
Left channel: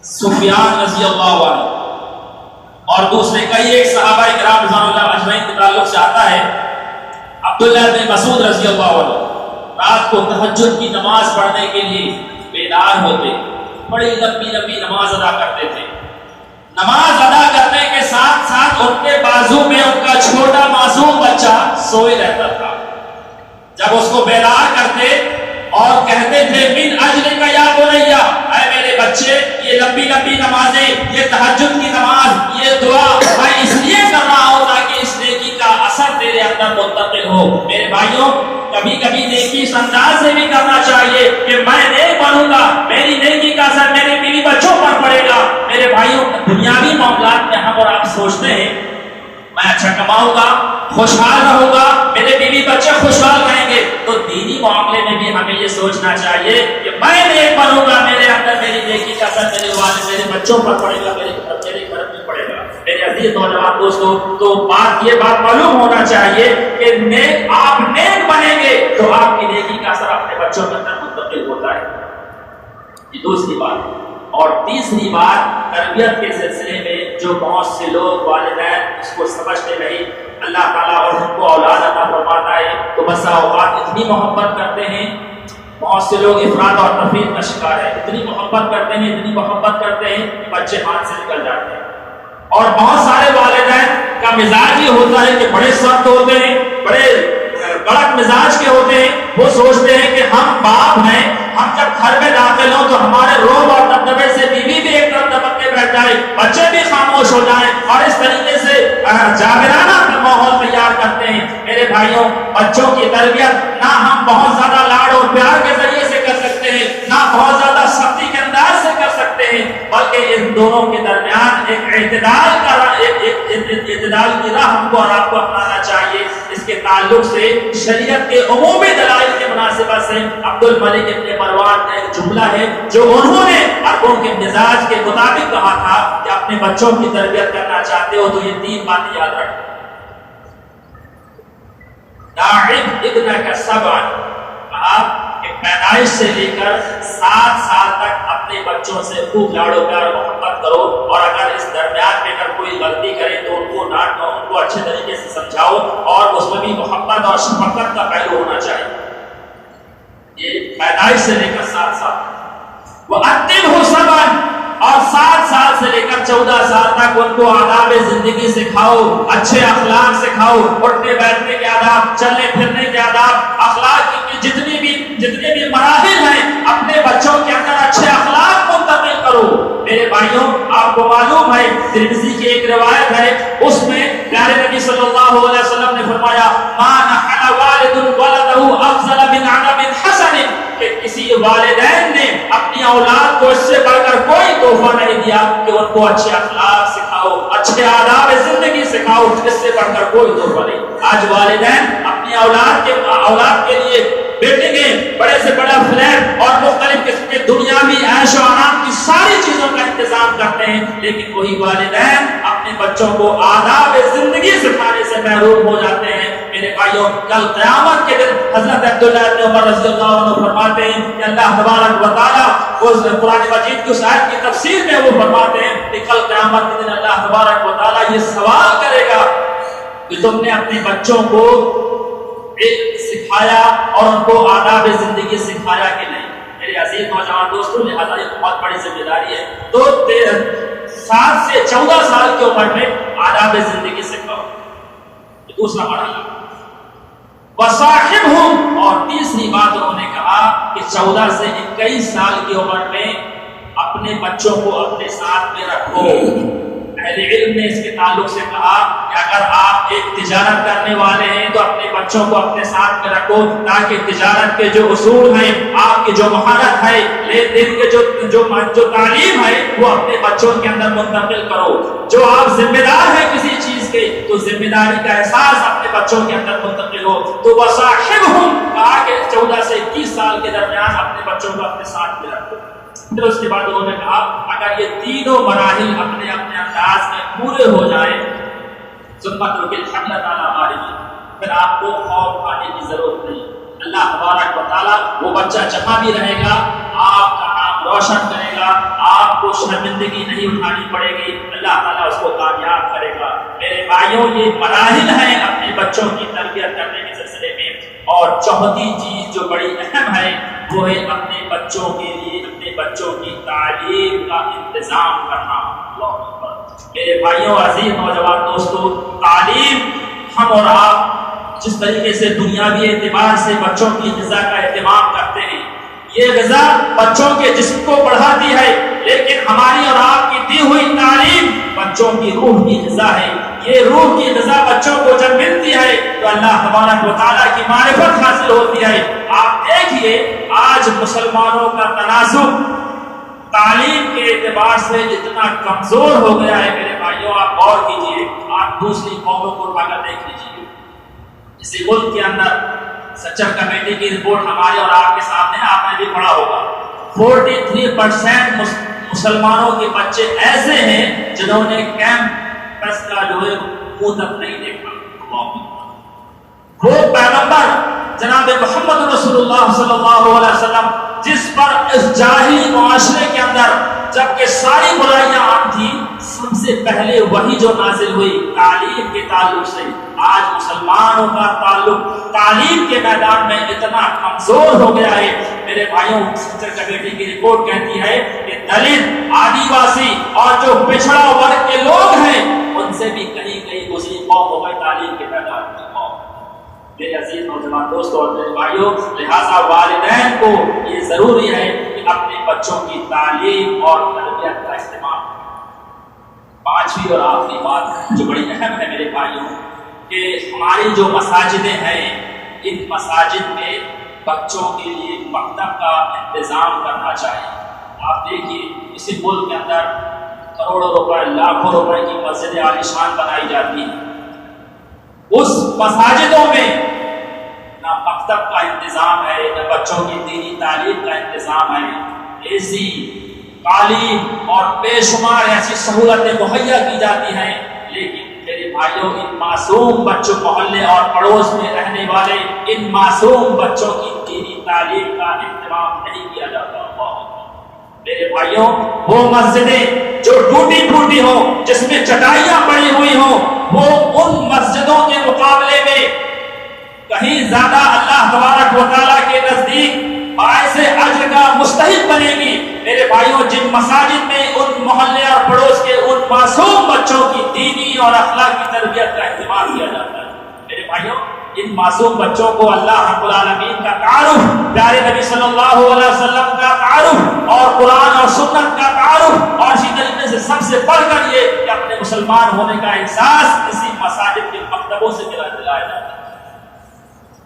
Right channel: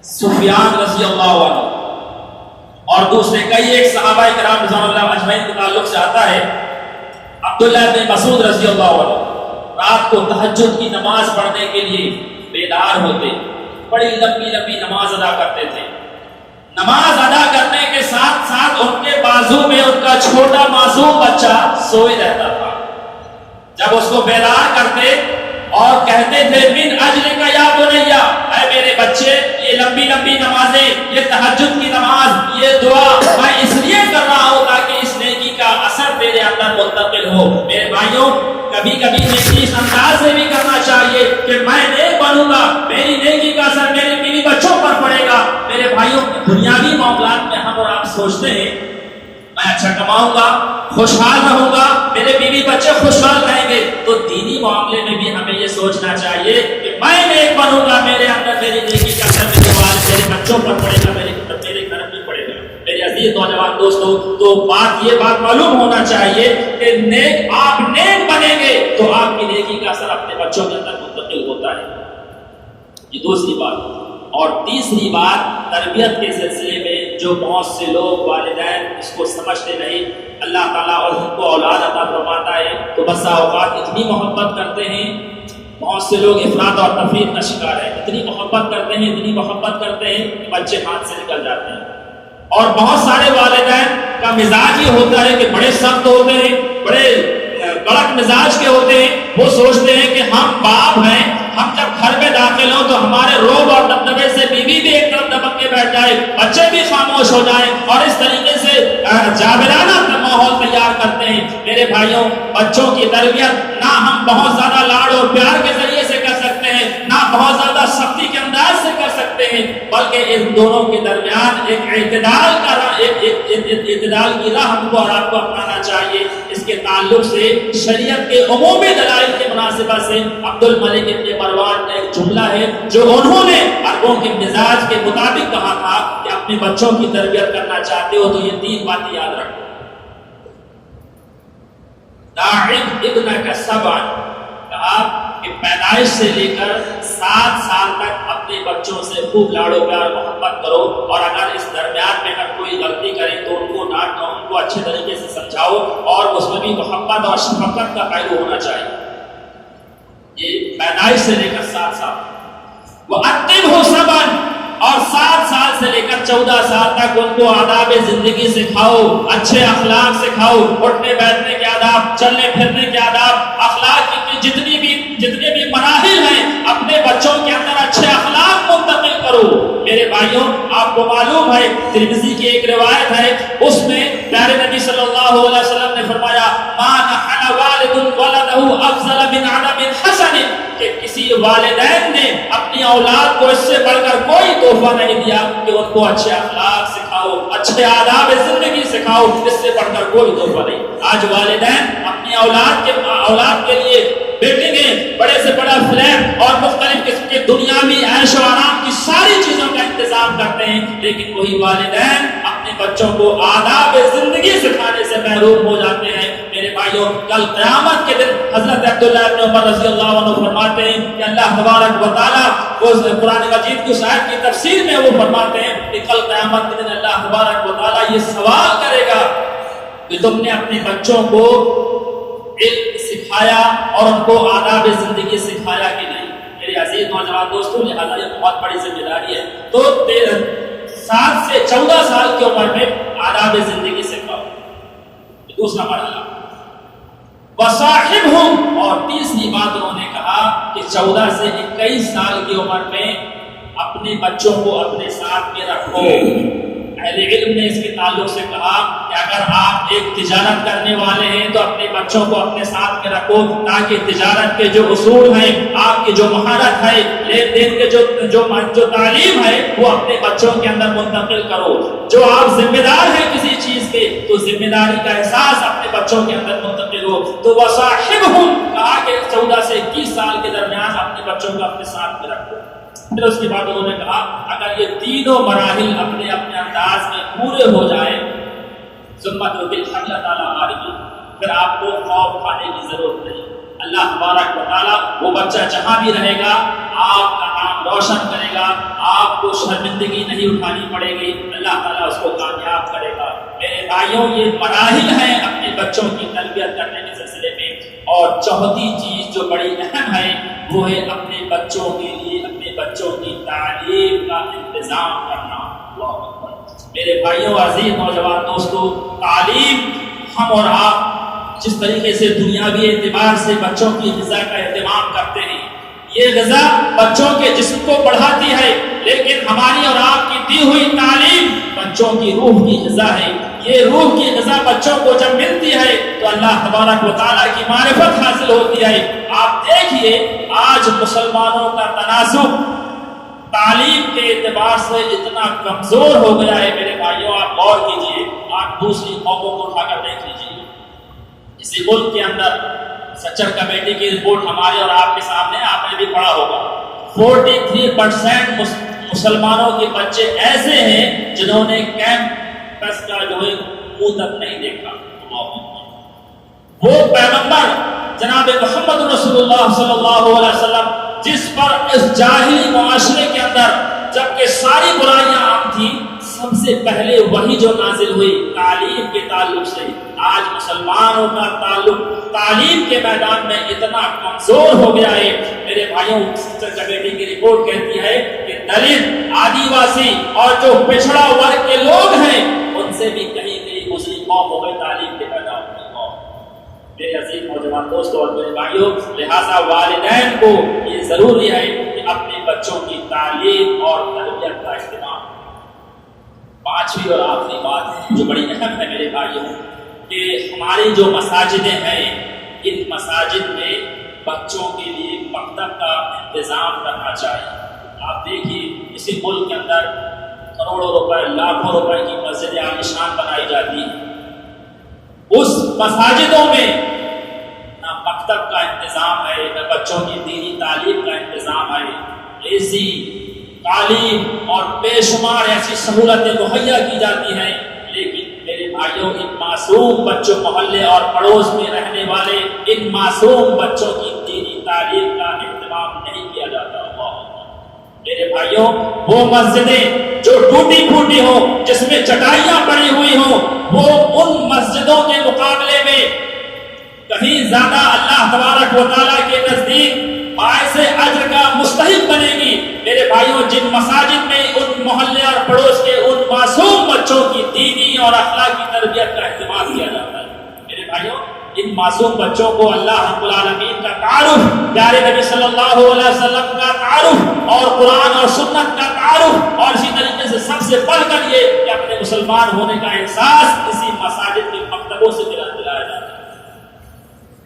سفیان رضی اللہ عنہ اور دوسرے کئی ایک صحابہ کرام رضوان اللہ اجمعین کے تعلق سے آتا ہے. عبداللہ بن مسعود رضی اللہ عنہ رات کو تہجد کی نماز پڑھنے کے لیے بیدار ہوتے, بڑی لمبی لمبی نماز ادا کرتے تھے. نماز ادا کرنے کے ساتھ ساتھ ان کے بازو میں ان کا چھوٹا معصوم بچہ سوئے رہتا تھا. جب اس کو بیدار کرتے اور کہتے تھے من اجلک یا بنیا, اے میرے بچے, یہ لمبی لمبی نمازیں, یہ تہجد کی نماز, یہ دعا میں اس لیے کر رہا ہوں تاکہ اس نیکی کا اثر تیرے اندر منتقل ہو. میرے بھائیوں, کبھی کبھی نیکی اس انداز سے بھی کرنا چاہیے کہ میں نیک بنوں گا, میری نیکی کا اثر میرے بیوی بچوں پر پڑے گا. میرے بھائیوں, دنیاوی معاملات میں ہم اور آپ سوچتے ہیں میں اچھا کماؤں گا، خوشحال رہوں گا، میرے بیوی بچے خوشحال رہیں گے، تو دینی معاملے میں بھی ہمیں یہ سوچنا چاہیے کہ میں نیک بنوں گا، میرے اندر میری نیکی کا اثر میرے بچوں پر پڑے گا، میرے گھر میں پڑے گا۔ میرے عزیز نوجوان دوستو، تو یہ بات معلوم ہونا چاہیے کہ آپ نیک بنیں گے تو آپ کی نیکی کا اثر اپنے بچوں کے اندر منتقل ہوتا ہے۔ یہ دوسری بات ہے۔ اور تیسری بات، تربیت کے سلسلے میں جو بہت سے لوگ والدین اس کو سمجھتے نہیں، اللہ تعالیٰ اور ان کو اولاد عطا فرماتا ہے تو بسا اوقات اتنی محبت کرتے ہیں، بہت سے لوگ افراط اور تفریط کا شکار ہیں، اتنی محبت کرتے ہیں کہ بچے ہاتھ سے نکل جاتے ہیں۔ اور بہت سارے والدین کا مزاج یہ ہوتا ہے کہ بڑے سخت ہوتے ہیں، بڑے کڑک مزاج کے ہوتے ہیں، وہ سوچتے ہیں کہ ہم باپ ہیں، ہم جب گھر میں داخل ہوں تو ہمارے روب اور دبدبے سے بیوی بھی ایک طرف دبک کے بیٹھ جائے، بچے بھی خاموش ہو جائیں، اور اس طریقے سے جابرانہ ماحول تیار کرتے ہیں۔ میرے بھائیوں، بچوں کی تربیت نہ ہم بہت زیادہ لاڈ اور پیار کے ذریعے سے کر سکتے ہیں، نہ بہت زیادہ سختی کے انداز سے کر سکتے ہیں، بلکہ ان دونوں کے درمیان ایک اعتدال کی راہ ہم کو اور آپ کو اپنانا چاہیے۔ اس کے تعلق سے شریعت کے عمومی دلائل کے مناسبت سے عبد الملک ابن مروان کا ایک جملہ ہے جو انہوں نے عربوں کے مزاج کے مطابق کہا تھا کہ اپنے بچوں کی تربیت کرنا چاہتے ہو تو یہ 3 باتیں یاد رکھو۔ داعب ابنک سبعا، کہا کہ پیدائش سے لے کر 7 سال تک اپنے بچوں سے خوب لاڑو پیار محبت کرو، اور اگر اس درمیان میں اگر کوئی غلطی کرے تو ان کو ڈانٹو، ان کو اچھے طریقے سے سمجھاؤ، اور اس میں بھی محبت اور شفقت کا پہلو ہونا چاہیے۔ یہ پیدائش سے لے کر 7 سال، وَأَدِّبْهُ سَبْعًا، اور 7 سال سے لے کر 14 سال تک ان کو آداب زندگی سکھاؤ، اچھے اخلاق سکھاؤ، اٹھنے بیٹھنے کے آداب، چلنے پھرنے کے آداب، اخلاق کی جتنے بھی مراحل ہیں اپنے بچوں کے اندر اچھے اخلاق منتقل کرو۔ میرے بھائیوں، آپ کو معلوم ہے ترمذی کی ایک روایت ہے، اس میں پیارے نبی صلی اللہ علیہ وسلم نے فرمایا ما نحن والد ولده افضل من عدم حسن، کہ کسی والدین نے اپنی اولاد کو اس سے بڑھ کر کوئی تحفہ نہیں دیا کہ ان کو اچھے اخلاق سکھاؤ، اچھے آداب زندگی سکھاؤ، اس سے بڑھ کر کوئی تحفہ نہیں۔ آج والدین اپنی اولاد کے لیے بلڈنگیں، بڑے سے بڑا فلیٹ اور مختلف قسم کے دنیاوی عیش و آرام کی ساری چیزوں کا انتظام کرتے ہیں، لیکن وہی والدین اپنے بچوں کو آداب زندگی سکھانے سے محروم ہو جاتے ہیں۔ میرے بھائیوں، کل قیامت کے دن حضرت عبداللہ ابن عمر رضی اللہ عنہ فرماتے ہیں کہ اللہ تبارک و تعالیٰ قرآن مجید کی اس آیت کی تفسیر میں وہ فرماتے ہیں کہ کل قیامت کے دن اللہ تبارک و تعالیٰ یہ سوال کرے گا کہ تم نے اپنے بچوں کو علم سکھایا اور ان کو آداب زندگی سکھایا کہ نہیں؟ میرے عزیز نوجوان دوستوں، لہٰذا یہ بہت بڑی ذمہ داری ہے۔ تو 7 سے 14 سال کی عمر میں آداب زندگی سکھاؤ، دوسرا مرحلہ۔ وصاحبہم، اور تیسری بات انہوں نے کہا کہ 14 سے 21 سال کی عمر میں اپنے بچوں کو اپنے ساتھ میں رکھو۔ اہل علم نے اس کے تعلق سے کہا کہ اگر آپ ایک تجارت کرنے والے ہیں تو اپنے بچوں کو اپنے ساتھ میں رکھو، تاکہ تجارت کے جو اصول ہیں، آپ کی جو مہارت ہے، لین دین کے جو تعلیم ہے، وہ اپنے بچوں کے اندر منتقل کرو۔ جو آپ ذمہ دار ہیں کسی چیز کے تو ذمہ داری کا احساس اپنے بچوں کے اندر منتقل ہو۔ تو وصاحبہم، کہا کہ 14 سے 21 سال کے درمیان اپنے بچوں کو اپنے ساتھ میں رکھو۔ پھر اس کے بعد انہوں نے کہا اگر یہ تینوں مراحل اپنے انداز میں پورے ہو جائیں، ثم اترک الحمل تعالیٰ عارفی، پھر آپ کو خوف کھانے کی ضرورت نہیں۔ اللہ تبارک و تعالیٰ وہ بچہ جہاں بھی رہے گا آپ کا نام روشن کرے گا، آپ کو شرمندگی نہیں اٹھانی پڑے گی، اللہ تعالیٰ اس کو کامیاب کرے گا۔ میرے بھائیوں، یہ مراحل ہیں اپنے بچوں کی تربیت کرنے کے سلسلے میں۔ اور چوتھی چیز جو بڑی اہم ہے وہ ہے اپنے بچوں کے لیے اپنے بچوں کی تعلیم کا انتظام کرنا۔ اللہ اکبر۔ میرے بھائیوں، عزیز نوجوان دوستو، تعلیم ہم اور آپ جس طریقے سے دنیاوی اعتبار سے بچوں کی غذا کا اہتمام کرتے ہیں، یہ غذا بچوں کے جسم کو بڑھاتی ہے، لیکن ہماری اور آپ کی دی ہوئی تعلیم بچوں کی روح کی غذا ہے۔ یہ روح کی غذا بچوں کو جب ملتی ہے تو اللہ تبارک و تعالیٰ کی معرفت حاصل ہوتی ہے۔ آپ دیکھیے آج مسلمانوں کا تناسب تعلیم کے اعتبار سے اتنا کمزور ہو گیا ہے میرے بھائیوں. آپ غور کیجئے, آپ دوسری قوموں کو اٹھا کر دیکھ لیجیے. اسی ملک کے اندر سچر کمیٹی کی رپورٹ ہمارے اور آپ کے سامنے, آپ نے بھی پڑھا ہوگا, 43% مسلمانوں کے بچے ایسے ہیں جنہوں نے کیمپس کا جو ہے منہ تک نہیں دیکھا. وہ پیغمبر جناب محمد رسول اللہ صلی اللہ علیہ وسلم جس پر اس جاہلی معاشرے کے اندر جبکہ ساری برائیاں عام تھی, سب سے پہلے وہی جو نازل ہوئی تعلیم کے تعلق سے. آج مسلمانوں کا تعلق تعلیم کے میدان میں اتنا کمزور ہو گیا ہے میرے بھائیوں. سچر کمیٹی کی رپورٹ کہتی ہے کہ دلت, آدیواسی اور جو پچھڑا ورگ کے لوگ ہیں ان سے بھی کہیں کہیں دوسری قوم ہو گئی تعلیم کے میدان میں. میرے عزیز نوجوان دوستوں اور میرے بھائیوں, لہذا والدین کو یہ ضروری ہے کہ اپنے بچوں کی تعلیم اور تربیت کا اہتمام. پانچویں اور آخری بات جو بڑی اہم ہے میرے بھائیوں, کہ ہماری جو مساجدیں ہیں ان مساجد میں بچوں کے لیے مکتب کا انتظام کرنا چاہیے. آپ دیکھیے اسی ملک کے اندر کروڑوں روپے, لاکھوں روپے کی مسجدیں عالیشان بنائی جاتی ہیں. اس مساجدوں میں نہ مکتب کا انتظام ہے, نہ بچوں کی دینی تعلیم کا انتظام ہے. ایسی تعلیم اور بے شمار ایسی سہولتیں مہیا کی جاتی ہیں, لیکن میرے بھائیوں ان معصوم بچوں, محلے اور پڑوس میں رہنے والے ان معصوم بچوں کی دینی تعلیم کا اہتمام نہیں کیا جاتا. میرے بھائیوں, وہ مسجدیں جو ٹوٹی پھوٹی ہوں, جس میں چٹائیاں پڑی ہوئی ہوں, وہ ان مسجدوں کے مقابلے میں کہیں زیادہ اللہ تبارک و تعالیٰ کے نزدیک باعث اجر کا مستحق بنے گی. میرے بھائیوں, جن مساجد میں ان محلے اور پڑوس کے ان معصوم بچوں کی دینی اور اخلاقی تربیت کا اہتمام کیا جاتا ہے, میرے بھائیوں ان معصوم بچوں کو اللہ رب العالمین کا تعارف, پیارے نبی صلی اللہ علیہ وسلم کا تعارف اور قرآن اور سنت کا تعارف, اور اسی طریقے سے سب سے بڑھ کر یہ کہ اپنے مسلمان ہونے کا احساس اسی مساجد کے مکتبوں سے دلایا جاتا ہے.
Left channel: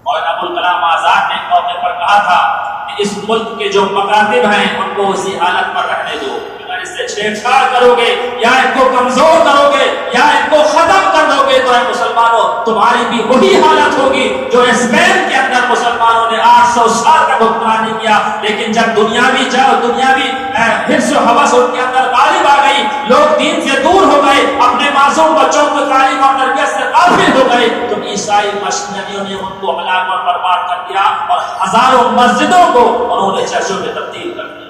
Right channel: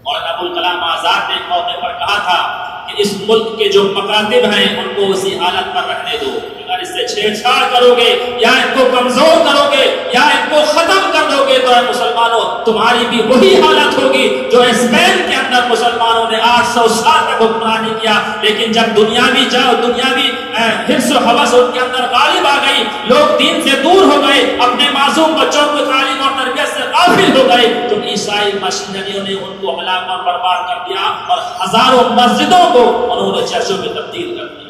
اور ابوالکلام آزاد نے ایک موقع پر کہا تھا کہ اس ملک کے جو مکاتب ہیں ان کو اسی حالت پر رہنے دو. اگر اس سے چھیڑ چھاڑ کرو گے یا ان کو کمزور کرو گے یا ان کو ختم کر دو گے تو اے مسلمانوں تمہاری بھی وہی حالت ہوگی جو اسپین کے اندر مسلمانوں نے 800 سال تک حکمرانی کیا, لیکن جب دنیاوی حرص و ہوس ان کے اندر غالب آ گئی, لوگ دین سے دور ہو گئے, اپنے معصوم بچوں کو تعلیم اور تربیت سے غافل ہو گئے, تو عیسائی مشینریوں نے ان کو ہلاک اور برباد کر دیا اور ہزاروں مسجدوں کو انہوں نے چرچوں میں تبدیل کر دیا.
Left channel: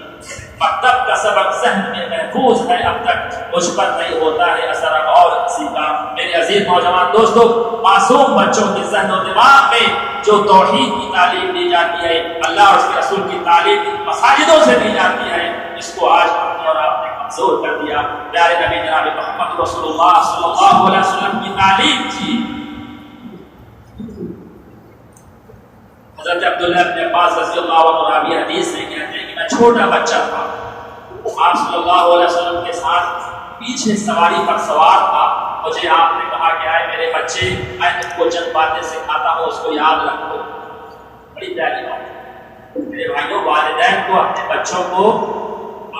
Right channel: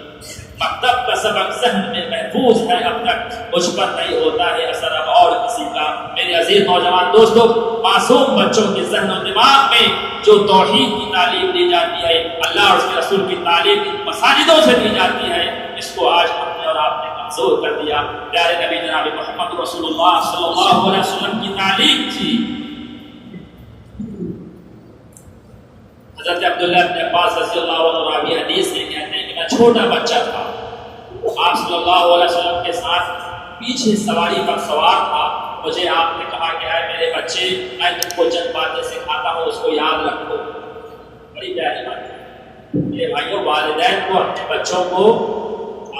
مکتب کا سبق ذہن میں محفوظ ہے, اب تک مجھ پر نہیں ہوتا ہے اثر اب اور کسی کا. میرے عزیز نوجوان دوستوں, معصوم بچوں کے ذہن و دماغ میں جو توحید کی تعلیم دی جاتی ہے, اللہ اور اس کے رسول کی تعلیم مساجدوں سے دی جاتی ہے, اس کو آج ہم نے اور آپ نے کمزور کر دیا. پیارے نبی جناب محمد رسول اللہ صلی اللہ علیہ وسلم کی تعلیم تھی. حضرت عبداللہ بن عباس رضی اللہ عنہ راوی حدیث سے کہتے ہیں کہ میں چھوٹا بچہ تھا, آپ صلی اللہ علیہ وسلم کے ساتھ پیچھے سواری پر سوار تھا. مجھے آپ نے کہا کہ آئے میرے بچے, میں تم کو چند باتیں سکھاتا ہوں, اس کو یاد رکھو. بڑی پیاری بات ہے میرے بھائیوں. والدین کو اپنے بچوں کو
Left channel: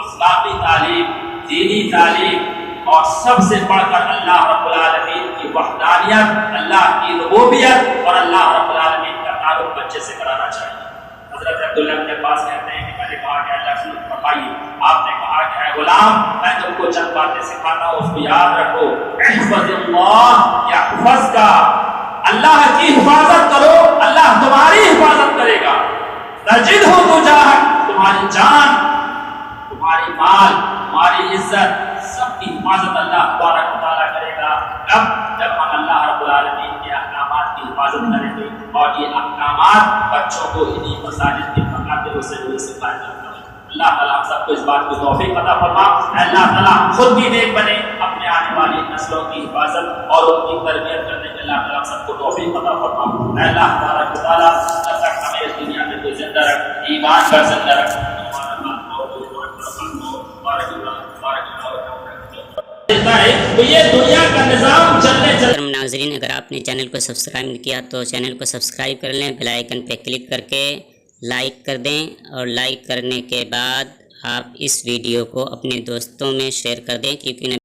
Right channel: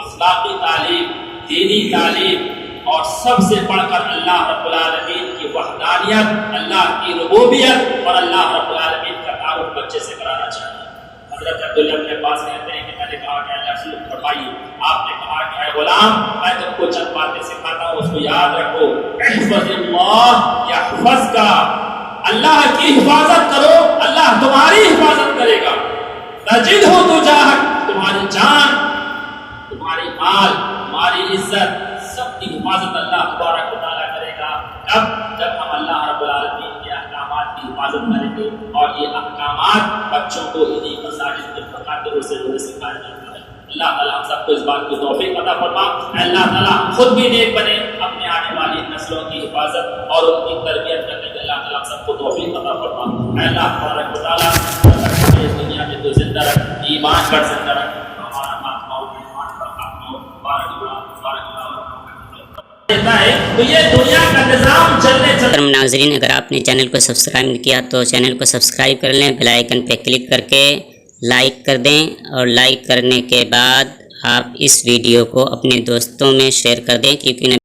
اخلاقی تعلیم, دینی تعلیم اور سب سے بڑھ کر اللہ رب العالمین کی وحدانیت, اللہ کی ربوبیت اور اللہ رب العالمین کا تعارف بچے سے کرانا چاہیے. حضرت عبداللہ بن عباس کہتے ہیں کہ میں نے کہا کہ اللہ رسول فرمائیے, آپ نے کہا کہ اے غلام میں تم کو چند باتیں سکھاتا ہوں, اس کو یاد رکھو. احفظ اللہ یحفظک, اللہ کی حفاظت کرو اللہ تمہاری حفاظت کرے گا. تجدہ تجاہک, تمہاری جان, تمہاری مال, تمہاری عزت سب کی حفاظت اللہ تبارک و تعالیٰ کرے گا. جب ہم اللہ رب العالمین کے احکامات کی حفاظت کریں گے, اور یہ احکامات بچوں کو انہی مساجد کے مکاتب سے جو سکھائے جاتا ہے. اللہ تعالیٰ ہم سب کو اس بات کی توفیق عطا فرما. اللہ تعالیٰ خود بھی نیک بنے, اپنے آنے والی نسلوں کی حفاظت اور ان کی تربیت کرنے کے اللہ تعالیٰ ہم سب کو توفیق عطا فرما. اللہ تبارک و تعالیٰ ہمیں اس دنیا میں تو زندہ رکھ, ایمان پر زندہ رکھ, ہمارا خاتمہ اور ایمان پر خاتمہ ہو. بارک اللہ تو یہ دنیا کا نظام چلنے ناظرین, اگر آپ نے چینل کو سبسکرائب نہیں کیا تو چینل کو سبسکرائب کر لیں, بیل آئیکن پہ کلک کر کے لائک کر دیں, اور لائک کرنے کے بعد آپ اس ویڈیو کو اپنے دوستوں میں شیئر کر دیں، کیونکہ